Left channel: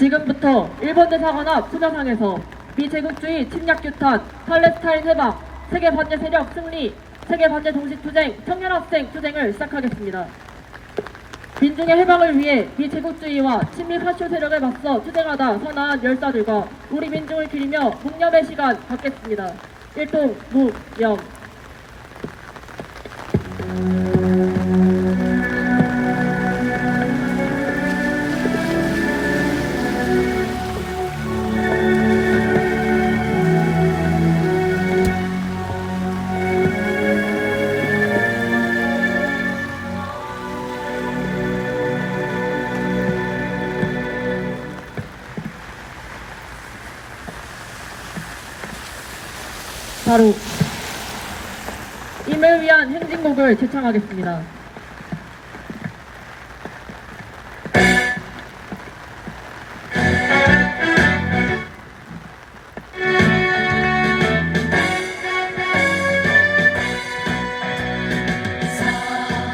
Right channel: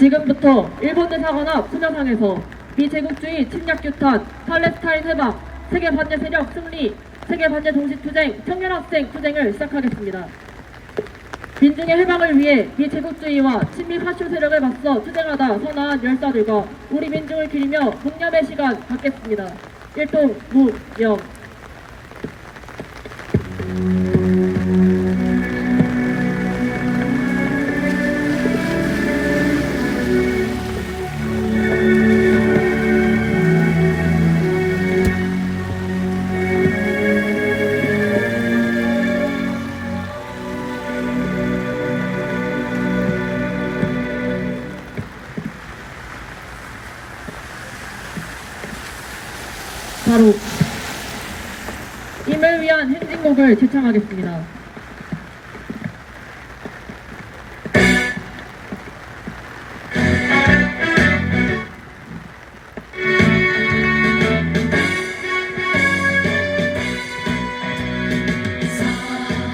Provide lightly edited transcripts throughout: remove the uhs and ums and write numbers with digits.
지금부터 일본 대사관앞 수녀상에서 비제국주의 침략 규탄, 팔레스타인 해방, 세계 반대 세력 승리, 세계 반대 동시투쟁, 청년학생 투쟁을 시작하겠습니다. 민중의 해방을 위해 비제국주의와 친미 파쇼 세력을 맞서 투쟁하다 선화한 열사들과 우리 민중을 기리며 묵념의 시간 갖겠습니다. 일동 묵념. 바로 임을 위한 행진곡을 제창하겠습니다.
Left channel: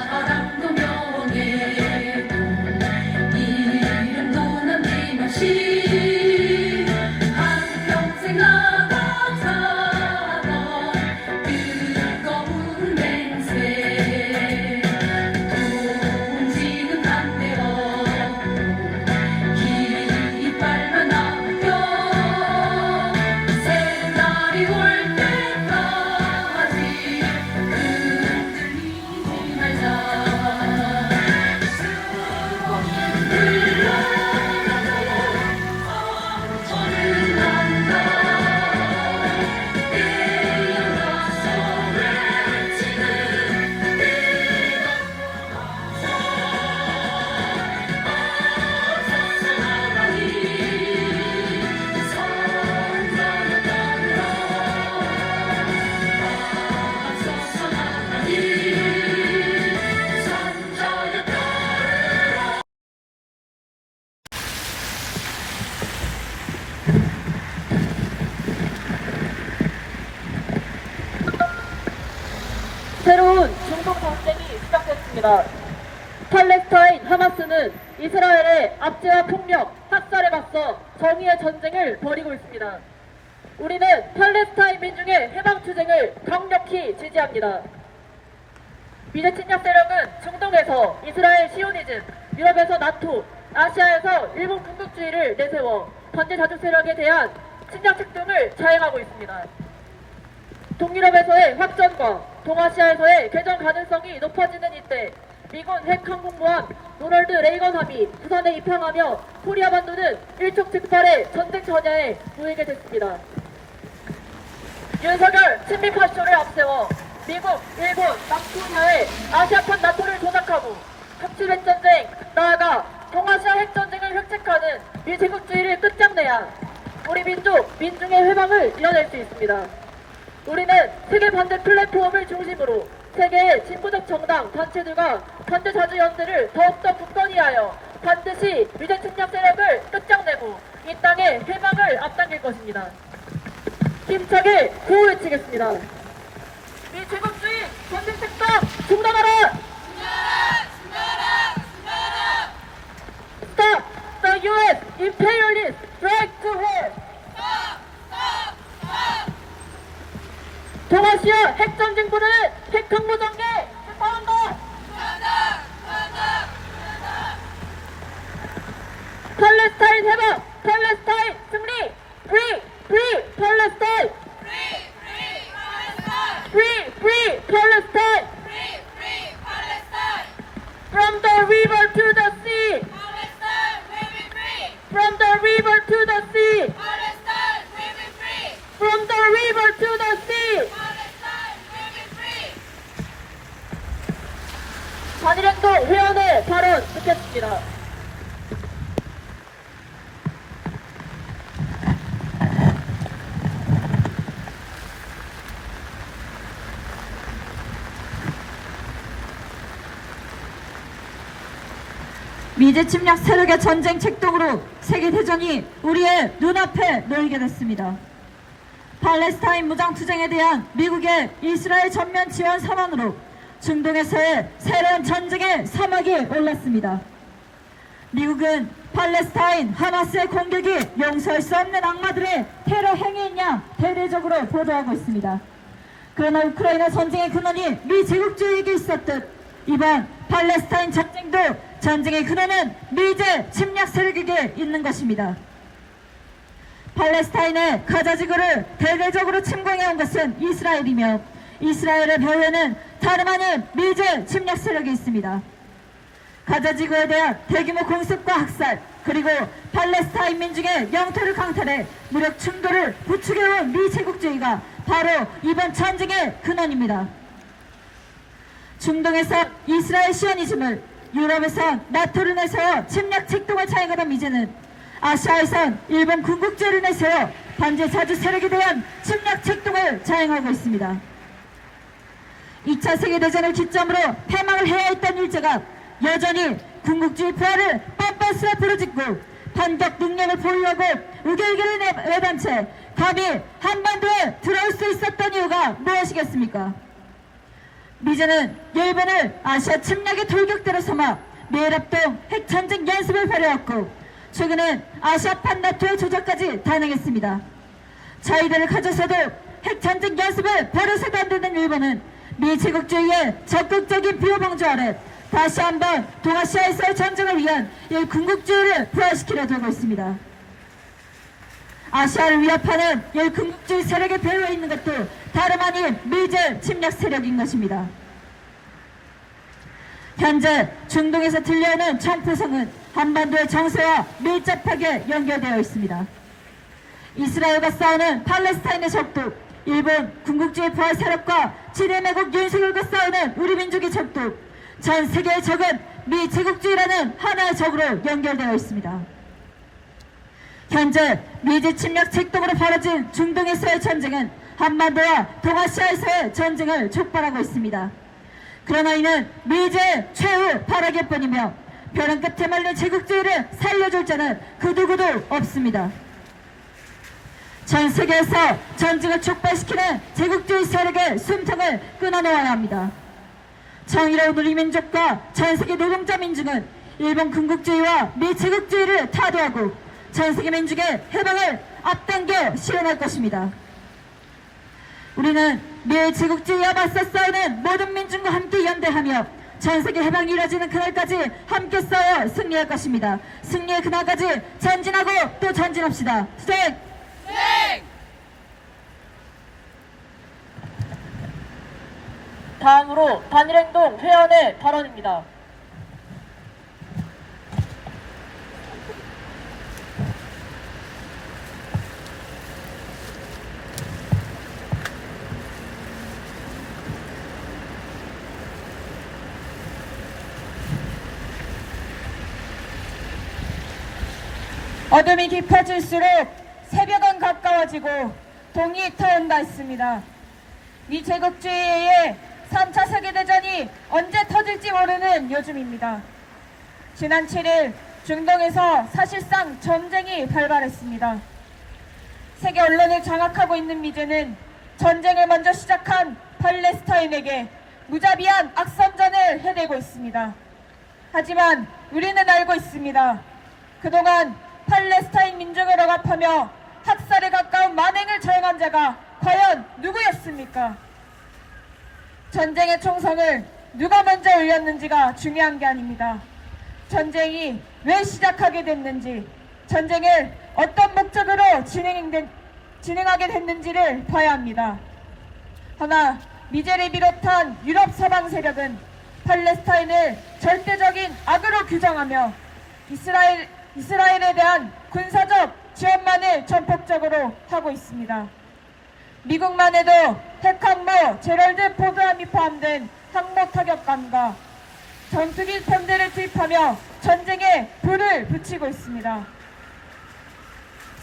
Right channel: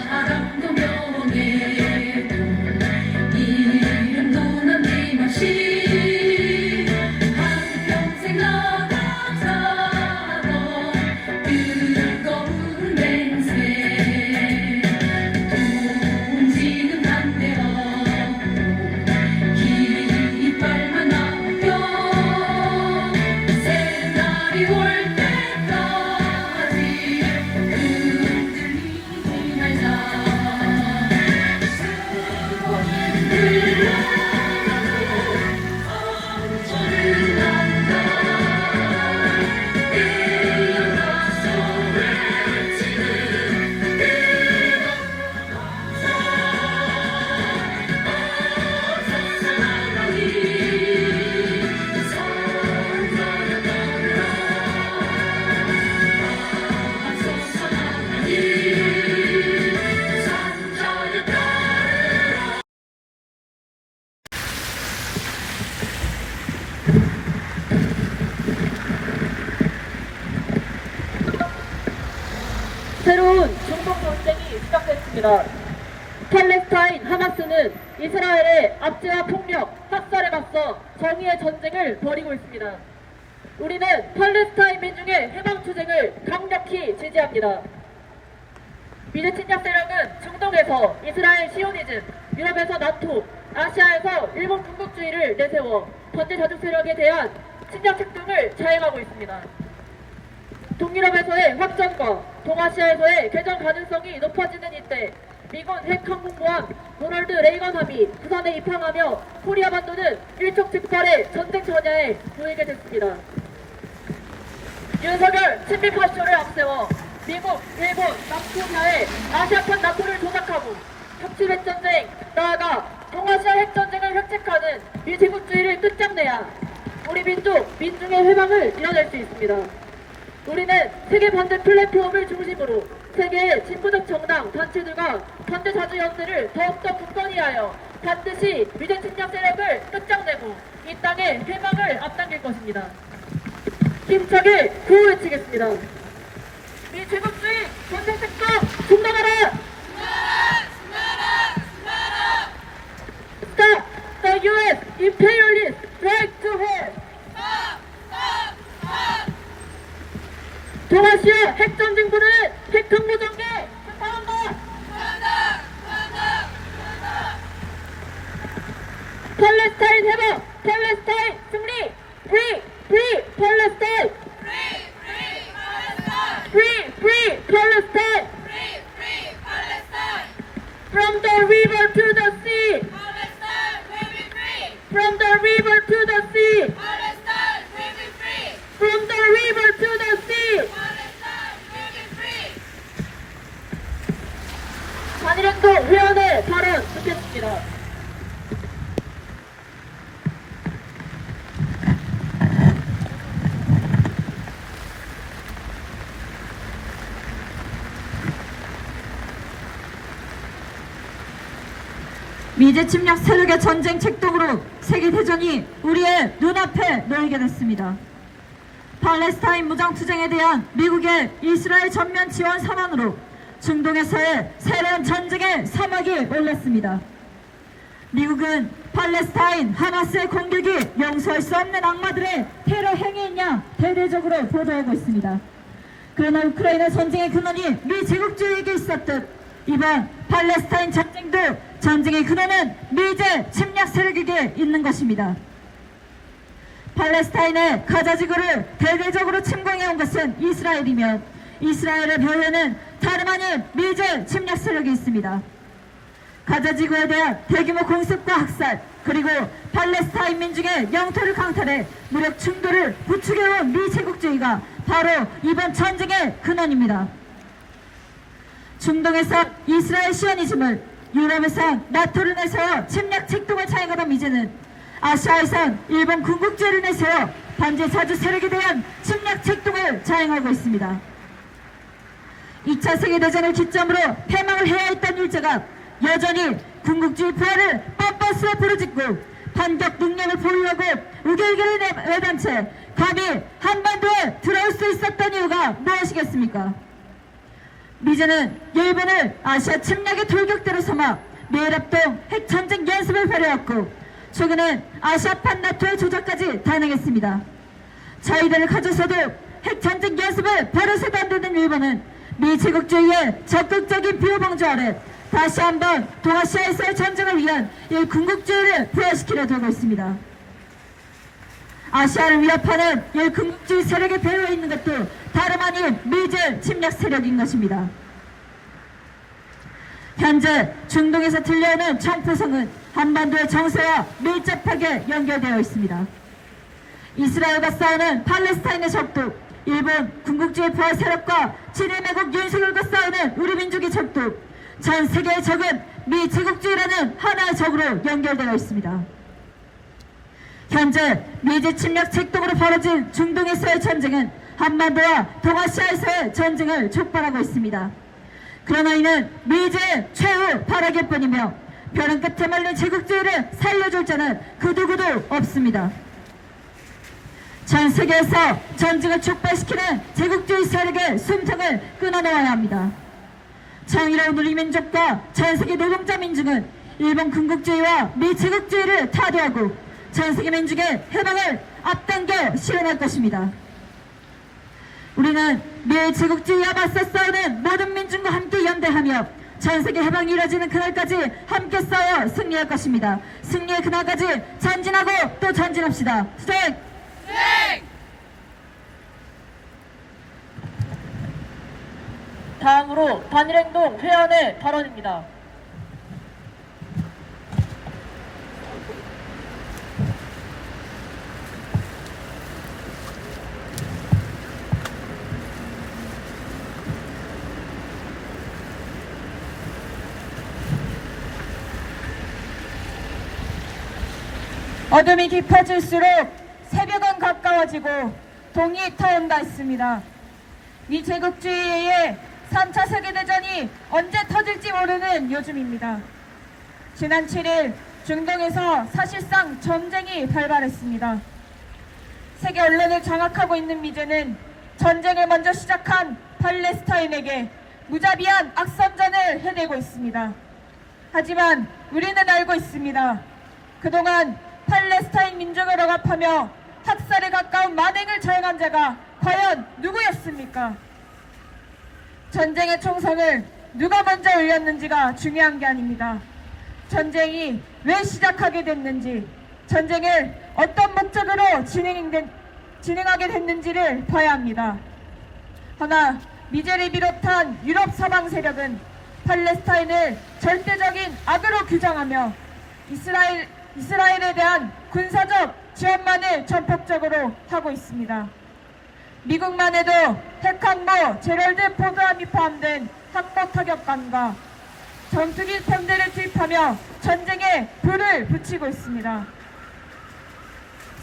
사랑도 명예도 이름도 남김없이 한평생 나가자던 뜨거운 맹세 동지는 반대 없고 깃발만 남겨 새날이 올 때까지 흔들리지 말자. 저는 난다 일어나서 외치는 어서서 나가니 선전을 따르라. 어서서 나가니 선전을 따르라. 새로운 중동 전쟁이 시작됐습니다. 팔레스타인 하마스는 이스라엘의 압제와 폭력, 학살에 맞서 정의의 전쟁을 벌이고 있습니다. 우리는 팔레스타인 민중의 해방 투쟁을 강력히 지지합니다. 미제 침략 세력은 중동에서 이스라엘 시오니즘, 유럽에서 나토, 아시아에서 일본 군국주의를 내세워 반대 자주 세력에 대한 침략 책동을 자행하고 있습니다. 동유럽에서의 확전과 동아시아에서의 개전 가능성이 높아지는 이때 미군 핵항공모함 로널드 레이건함이 부산에 입항하며 코리아 반도는 일촉즉발의 전쟁 전야에 놓이게 됐습니다. 윤석열 친미 파쇼를 앞세워 미국, 일본, 남초사회 아시아판 나토를 조작하고 협치 핵전쟁, 나아가 동아시아 핵전쟁을 획책하는 미제국주의를 끝장내야 우리 민중의 회방을 이뤄낼 수 있습니다. 우리는 세계 반대 플랫폼을 중심으로 세계의 진보적 정당, 단체들과 반대 자주연대를 더욱더 굳건히 하여 반드시 미제 침략 세력을 끝장내고 이 땅의 해방을 앞당길 것입니다. 힘차게 구호 외치겠습니다. 미제국주의 전쟁 책동 중단하라! Stop the U.S. imperialist strike to hell! 동아시아 핵전쟁부는 핵항모 전개 규탄한다! 팔레스타인 해방! 팔레스타인 승리! Free! Free! Palestine! Free! Free! Palestine! From the river to the sea! From the river to the sea! From the river to the sea! 한일행동 회원의 발언 듣겠습니다. 미제 침략 세력의 전쟁 책동으로 세계대전이 우리의 눈앞에 놓이게 됐습니다. 팔레스타인 무장투쟁에 대한 미국의 이스라엘 전면 지원 선언으로 중동에서의 새로운 전쟁의 사막이 올랐습니다. 미국은 팔레스타인 하마스의 공격이 용서할 수 없는 악마들의 테러 행위인 양 대대적으로 보도하고 있습니다. 그러나 우크라이나 전쟁의 근원이 미 제국주의에게 있었듯 이번 팔레스타인 전쟁도 전쟁의 근원은 미제 침략 세력에게 있는 것입니다. 팔레스타인의 가자지구를 대대적으로 침공해온 것은 이스라엘이며 이스라엘의 벼에는 다름 아닌 미제 침략 세력이 있습니다. 가자지구에 대한 대규모 공습과 학살 그리고 팔레스타인 민중의 영토를 강탈해 무력 충돌을 부추겨온 미 제국주의가 바로 이번 전쟁의 근원입니다. 중동에서 이스라엘 시오니즘을, 유럽에서 나토를 내세워 침략 책동을 자행하던 미제는 아시아에선 일본 군국주의를 내세워 반제 자주 세력에 대한 침략 책동을 자행하고 있습니다. 2차 세계대전을 기점으로 패망을 해야 했던 일제가 여전히 군국주의 부활을 뻔뻔스레 부르짖고 반격 능력을 보유하고 의결결을 내던 채 감히 한반도에 들어올 수 있었던 이유가 무엇이겠습니까? 미제는 일본을 아시아 침략의 돌격대로 삼아 미해랍동 핵전쟁 연습을 벌여왔고 최근엔 아시아판 나토의 조작까지 단행했습니다. 자위대를 가져서도 핵전쟁 연습을 벌여서도 안 되는 일본은 미 제국주의의 적극적인 비호 방조 아래 다시 한번 동아시아에서의 전쟁을 위한 일군국주의를 부활시키려 들고 있습니다. 아시아를 위협하는 일군국주의 세력에 배후에 있는 것도 다름 아닌 미제 침략 세력인 것입니다. 현재 중동에서 들려오는 청포성은 한반도의 정세와 밀접하게 연결되어 있습니다. 이스라엘과 싸우는 팔레스타인의 적도, 일본 군국주의 부활 세력과 친일매국 윤석열과 싸우는 우리 민족의 적도, 전 세계의 적은 미 제국주의라는 하나의 적으로 연결되어 있습니다. 현재 미제 침략 책동으로 벌어진 중동에서의 전쟁은 한반도와 동아시아에서의 전쟁을 촉발하고 있습니다. 그러나 이는 미제의 최후 발악일 뿐이며 벼랑 끝에 말린 제국주의를 살려줄 자는 그 누구도 없습니다. 전 세계에서 전쟁을 촉발시키는 제국주의 세력의 숨통을 끊어놓아야 합니다. 정의로운 우리 민족과 전 세계 노동자 민중은 일본 군국주의와 미 제국주의를 타도하고 전 세계 민족의 해방을 앞당겨 실현할 것입니다. 우리는 미 제국주의와 맞서 싸우는 모든 민중과 함께 연대하며 전 세계 해방이 이뤄지는 그날까지 함께 싸워 승리할 것입니다. 승리의 그날까지 전진하고 또 전진합시다. 투쟁! 다음으로 단일행동 회원의 발언입니다. 어둠이 깊어질수록 새벽은 가까워지고 동이 터온다 했습니다. 미 제국주의의 3차 세계대전이 언제 터질지 모르는 요즘입니다. 지난 7일 중동에서 사실상 전쟁이 발발했습니다. 세계 언론을 장악하고 있는 미제는 전쟁을 먼저 시작한 팔레스타인에게 무자비한 악선전을 해내고 있습니다. 하지만 우리는 알고 있습니다. 그동안 팔레스타인 민족을 억압하며 학살에 가까운 만행을 자행한 자가 과연 누구였습니까? 전쟁의 총성을 누가 먼저 올렸는지가 중요한 게 아닙니다. 전쟁이 왜 시작하게 됐는지, 전쟁을 어떤 목적으로 진행하게 됐는지를 봐야 합니다. 허나 미제를 비롯한 유럽 서방 세력은 팔레스타인을 절대적인 악으로 규정하며 이스라엘에 대한 군사적 지원만을 전폭적으로 하고 있습니다. 미국만 해도 핵항모 제럴드 포그함이 포함된 항모 타격감과 전투기 편대를 투입하며 전쟁에 불을 붙이고 있습니다.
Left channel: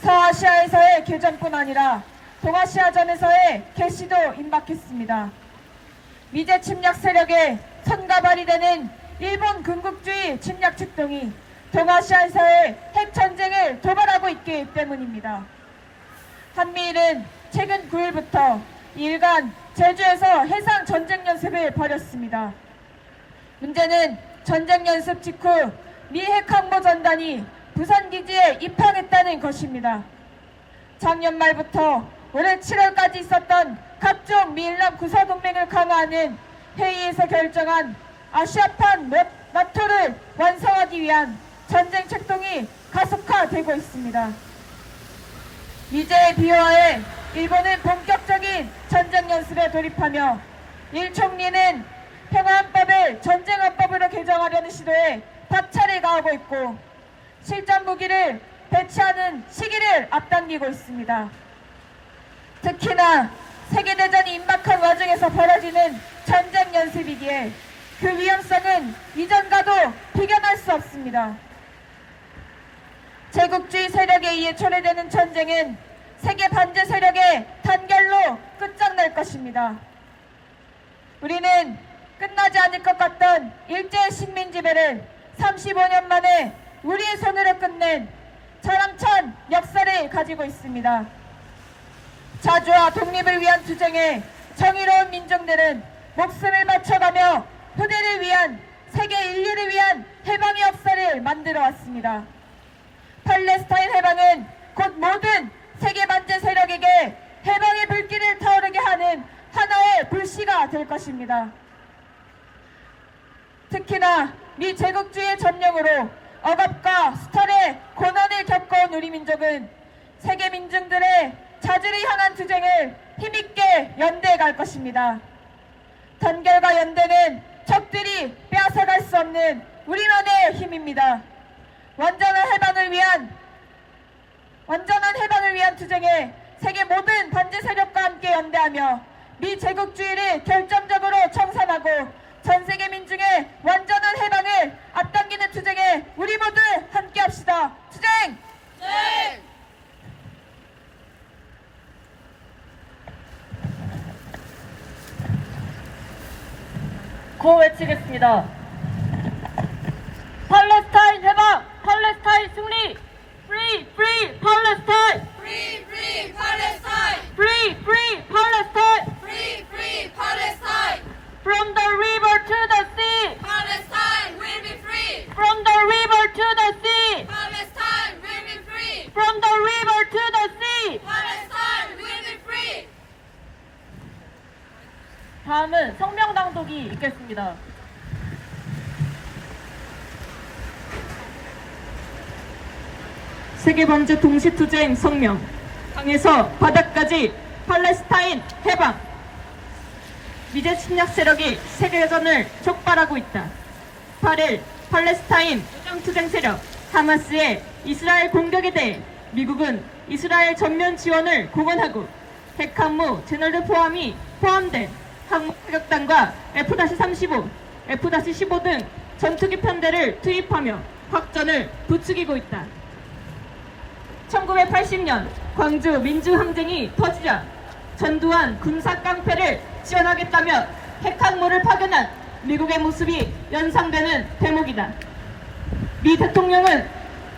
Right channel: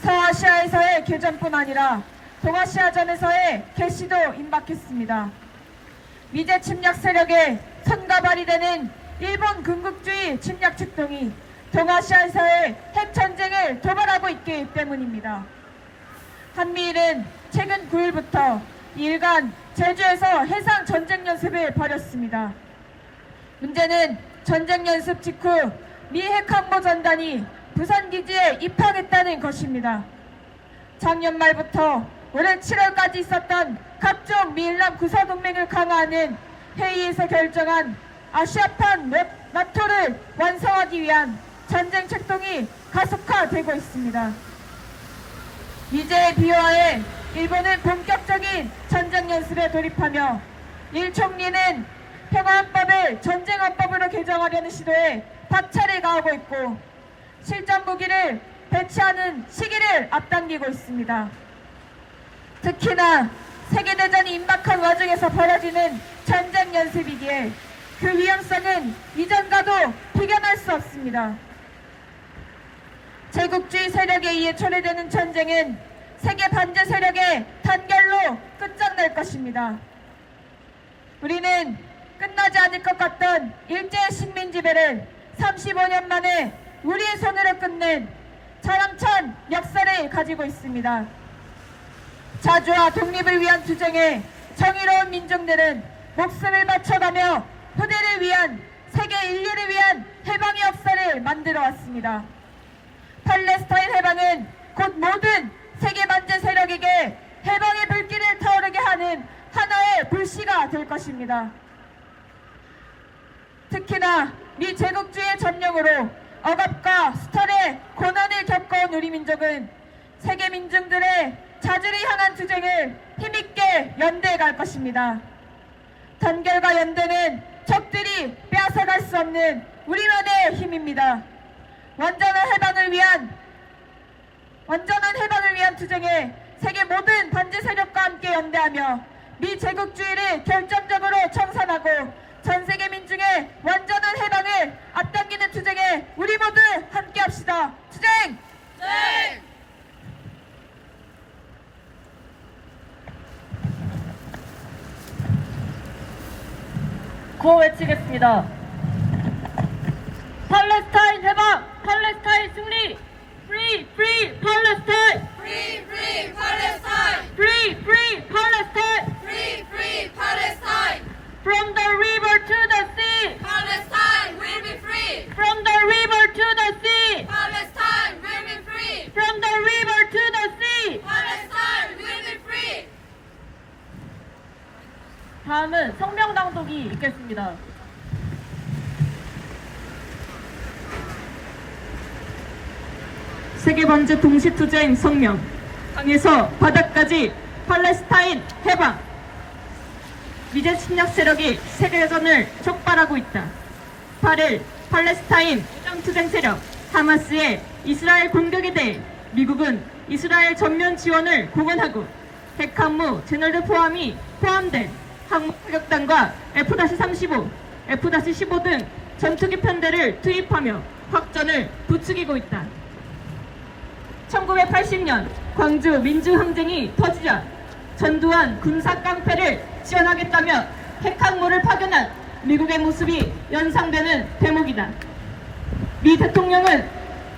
서아시아에서의 개전뿐 아니라 동아시아전에서의 개시도 임박했습니다. 미제 침략 세력의 손과 발이 되는 일본 군국주의 침략 축동이 동아시아에서의 핵전쟁을 도발하고 있기 때문입니다. 한미일은 최근 9일부터 2일간 제주에서 해상 전쟁 연습을 벌였습니다. 문제는 전쟁 연습 직후 미 핵함모 전단이 부산기지에 입항했다는 것입니다. 작년 말부터 올해 7월까지 있었던 각종 미일남 구사동맹을 강화하는 회의에서 결정한 아시아판 나토를 완성하기 위한 전쟁 책동이 가속화되고 있습니다. 미제의 비호하에 일본은 본격적인 전쟁 연습에 돌입하며 일 총리는 평화헌법을 전쟁헌법으로 개정하려는 시도에 박차를 가하고 있고 실전 무기를 배치하는 시기를 앞당기고 있습니다. 특히나 세계대전이 임박한 와중에서 벌어지는 전쟁 연습이기에 그 위험성은 이전과도 비견할 수 없습니다. 제국주의 세력에 의해 초래되는 전쟁은 세계 반제 세력의 단결로 끝장날 것입니다. 우리는 끝나지 않을 것 같던 일제의 식민 지배를 35년 만에 우리의 손으로 끝낸 자랑찬 역사를 가지고 있습니다. 자주와 독립을 위한 투쟁에 정의로운 민중들은 목숨을 바쳐가며 후대를 위한 세계 인류를 위한 해방의 역사를 만들어 왔습니다. 팔레스타인 해방은 곧 모든 세계 반제 세력에게 해방의 불길을 타오르게 하는 하나의 불씨가 될 것입니다. 특히나 미 제국주의의 점령으로 억압과 수탈의 고난을 겪어온 우리 민족은 세계 민중들의 자주를 향한 투쟁을 힘있게 연대해 갈 것입니다. 단결과 연대는 적들이 빼앗아갈 수 없는 우리만의 힘입니다. 완전한 해방을 위한 투쟁에 세계 모든 반제 세력과 함께 연대하며 미 제국주의를 결정적으로 청산하고 전 세계 민중의 완전한 해방을 앞당기는 투쟁에 우리 모두 함께합시다. 투쟁! 네. 구호 외치겠습니다. 팔레스타인 해방! 팔레스타인 승리! Free! Free! Palestine! Free, free Palestine! Free! Free! Palestine! Free, free Palestine! From the river to the sea! Palestine will be free! From the river to the sea! Palestine will be free! From the river to the sea! Palestine will be free! 다음은 성명 낭독이 있겠습니다. 세계반제 동시투쟁 성명. 강에서 바다까지 팔레스타인 해방. 미제 침략 세력이 세계전을 촉발하고 있다. 8일 팔레스타인 무장투쟁 세력 하마스의 이스라엘 공격에 대해 미국은 이스라엘 전면 지원을 공언하고 핵항모 제널드 포함된 항모 타격단과 F-35, F-15 등 전투기 편대를 투입하며 확전을 부추기고 있다. 1980년 광주 민주항쟁이 터지자 전두환 군사 깡패를 지원하겠다며 핵항모를 파견한 미국의 모습이 연상되는 대목이다. 미 대통령은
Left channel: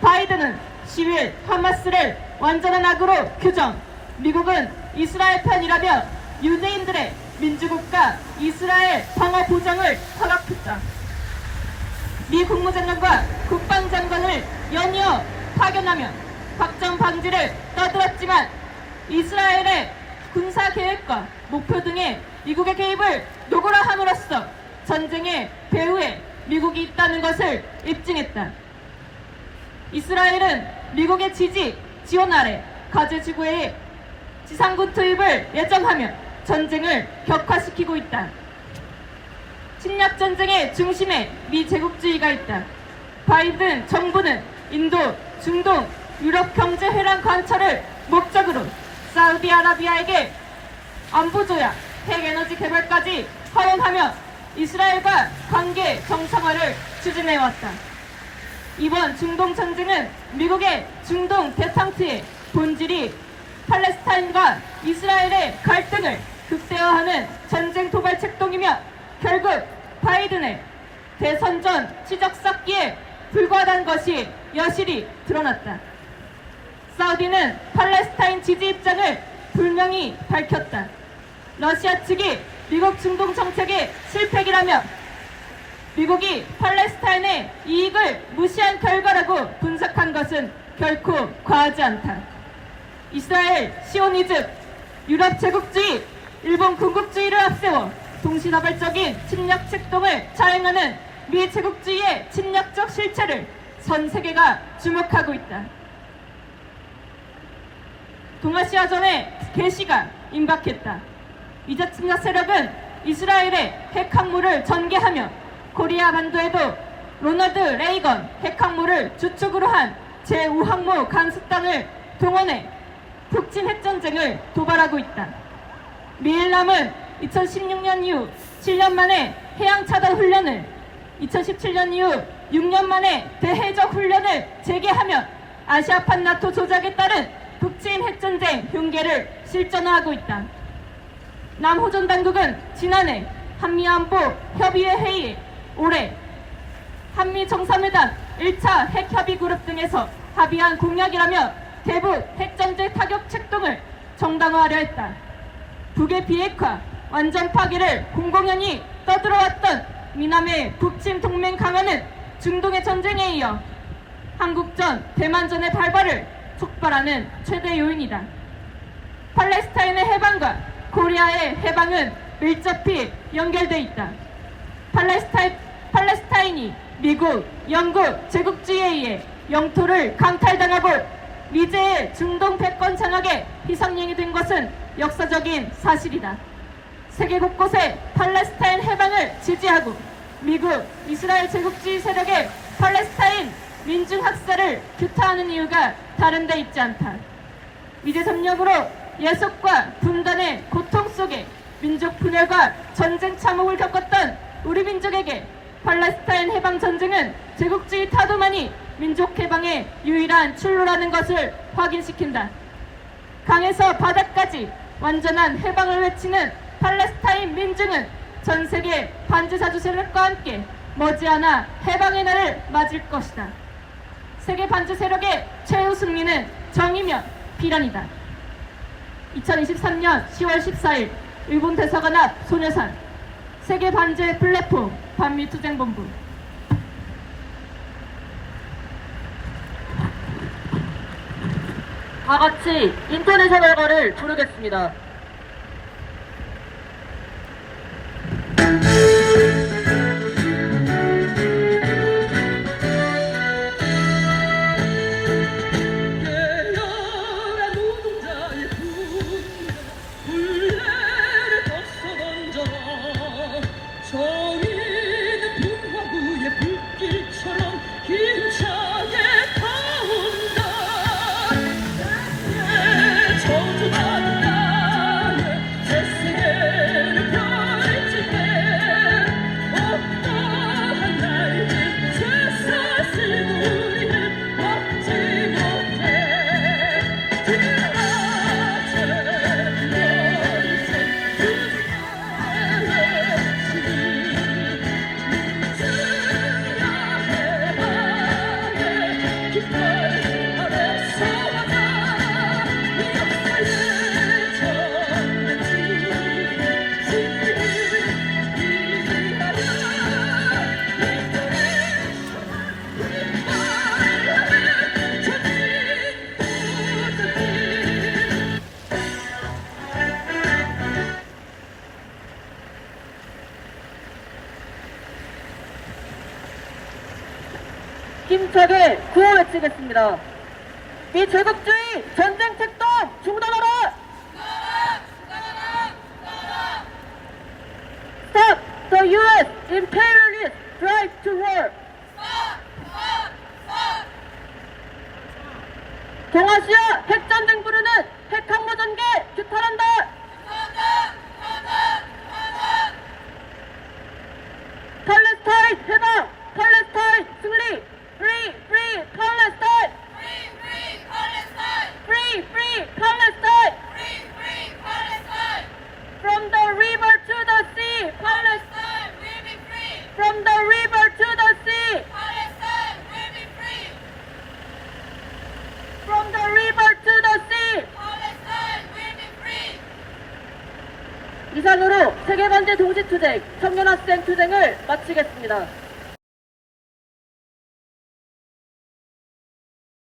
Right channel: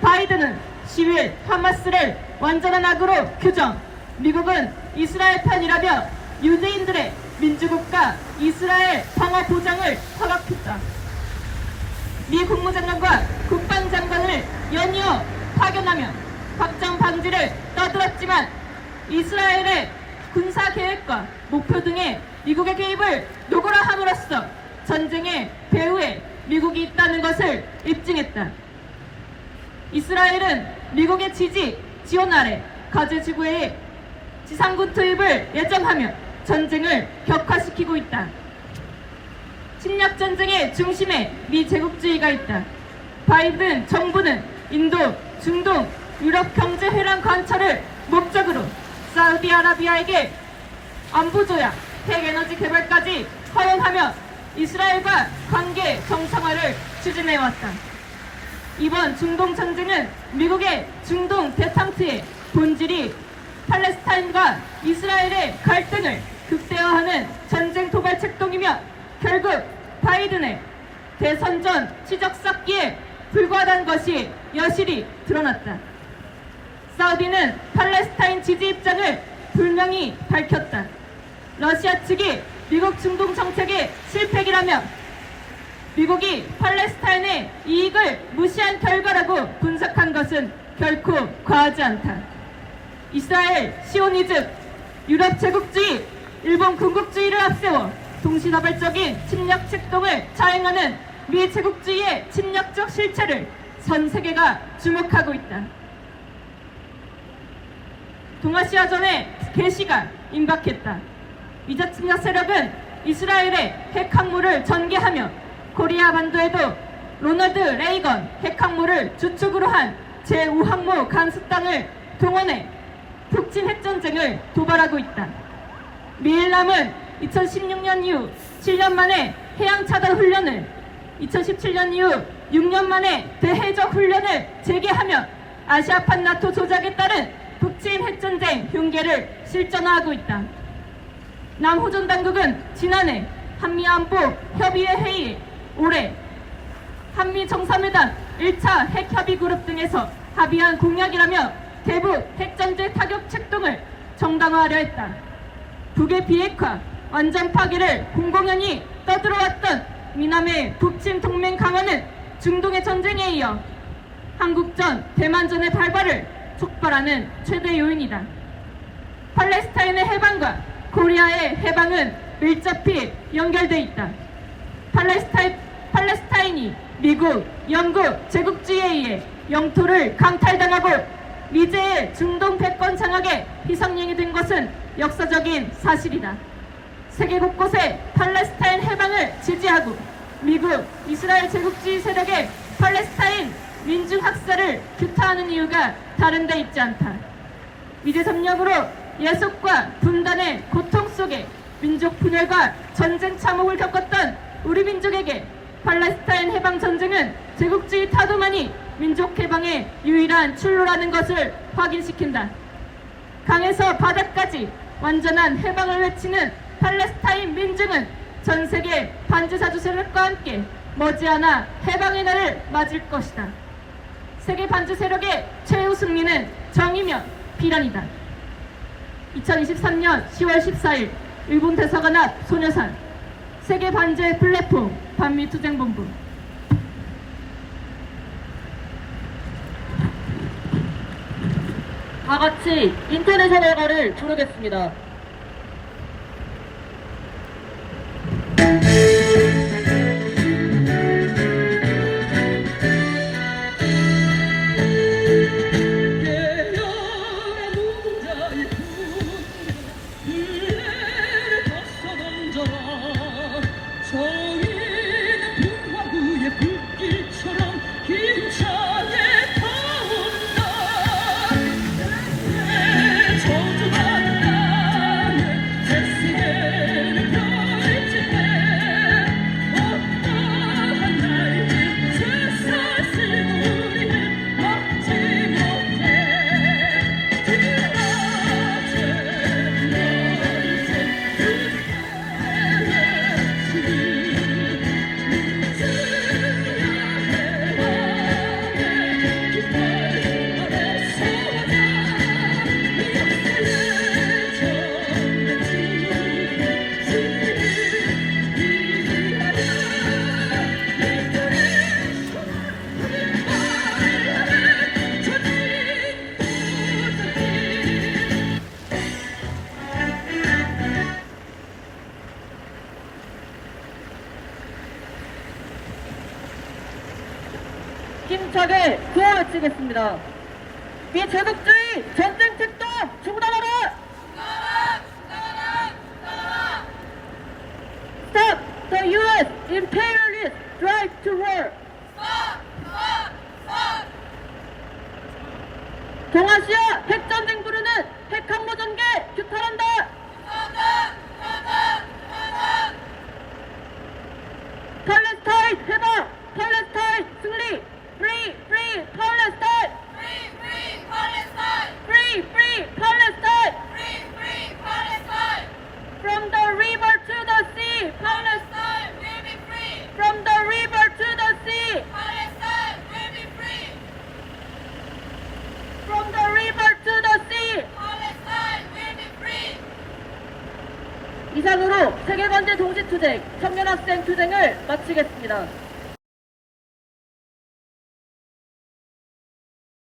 바이든은 10일 하마스를 완전한 악으로 규정, 미국은 이스라엘 편이라며 유대인들의 민주국가 이스라엘 방어 보장을 허락했다. 미 국무장관과 국방장관을 연이어 파견하며 확정 방지를 떠들었지만 이스라엘의 군사 계획과 목표 등의 미국의 개입을 요구라 함으로써 전쟁의 배후에 미국이 있다는 것을 입증했다. 이스라엘은 미국의 지원 아래 가즈 지구의 지상군 투입을 예정하며 전쟁을 격화시키고 있다. 침략 전쟁의 중심에 미 제국주의가 있다. 바이든 정부는 인도, 중동, 유럽 경제 회랑 관철을 목적으로 사우디아라비아에게 안보조약, 핵에너지 개발까지 허용하며 이스라엘과 관계 정상화를 추진해왔다. 이번 중동 전쟁은 미국의 중동 대탕트의 본질이 팔레스타인과 이스라엘의 갈등을 극대화하는 전쟁 도발 책동이며 결국 바이든의 대선 전 치적 쌓기에 불과하다는 것이 여실히 드러났다. 사우디는 팔레스타인 지지 입장을 분명히 밝혔다. 러시아 측이 미국 중동 정책의 실패기라며 미국이 팔레스타인의 이익을 무시한 이스라엘, 시오니즘, 유럽 제국주의, 일본 군국주의를 앞세워 동시다발적인 침략 책동을 자행하는 미 제국주의의 침략적 실체를 전 세계가 주목하고 있다. 동아시아전의 개시가 임박했다. 미자 침략 세력은 이스라엘의 핵항모를 전개하며 코리아 반도에도 로널드 레이건 핵항모를 주축으로 한 제5항모 강습단을 동원해 북침 핵전쟁을 도발하고 있다. 미일남은 2016년 이후 7년 만에 해양차단 훈련을, 2017년 이후 6년 만에 대해적 훈련을 재개하며 아시아판 나토 조작에 따른 북침 핵전쟁 흉계를 실전화하고 있다. 남호전 당국은 지난해 한미안보 협의회 회의에 올해 한미 정상회담 1차 핵협의 그룹 등에서 합의한 공약이라며 대북 핵전쟁 타격 책동을 정당화하려 했다. 북의 비핵화, 완전 파기를 공공연히 떠들어왔던 미남의 북침 동맹 강화는 중동의 전쟁에 이어 한국전, 대만전의 발발을 촉발하는 최대 요인이다. 팔레스타인의 해방과 코리아의 해방은 밀접히 연결돼 있다. 팔레스타인이 미국, 영국 제국주의에 의해 영토를 강탈당하고 미제의 중동 패권 장악에 희생양이 된 것은 역사적인 사실이다. 세계 곳곳에 팔레스타인 해방을 지지하고 미국, 이스라엘 제국주의 세력의 팔레스타인 민중 학살을 규탄하는 이유가 다른 데 있지 않다. 미제 점령으로 예속과 분단의 고통 속에 민족 분열과 전쟁 참혹을 겪었던 우리 민족에게 팔레스타인 해방 전쟁은 제국주의 타도만이 민족 해방의 유일한 출로라는 것을 확인시킨다. 강에서 바다까지 완전한 해방을 외치는 팔레스타인 민중은 전 세계 반지사주 세력과 함께 머지않아 해방의 날을 맞을 것이다. 세계 반지 세력의 최후 승리는 정의며 비란이다. 2023년 10월 14일 일본 대사관 앞 소녀산 세계 반지의 플랫폼 반미투쟁본부. 다 같이 인터내셔널가를 부르겠습니다. 힘차게 구호 외치겠습니다. 미제국주의 전쟁 책동 중단하라! Stop the U.S. imperialist drive to war! 동아시아 핵전쟁 부르는 핵항모 전개 규탄한다! 팔레스타인 해방! 팔레스타인 승리! Free, free Palestine! Free, free Palestine! Free, free Palestine! Free, free Palestine! From the river to the sea, Palestine will be free! From the river to the sea, Palestine will be free! from the river to the sea. Palestine will be free! 이상으로 세계반대 동시투쟁, 청년학생 투쟁을 마치겠습니다.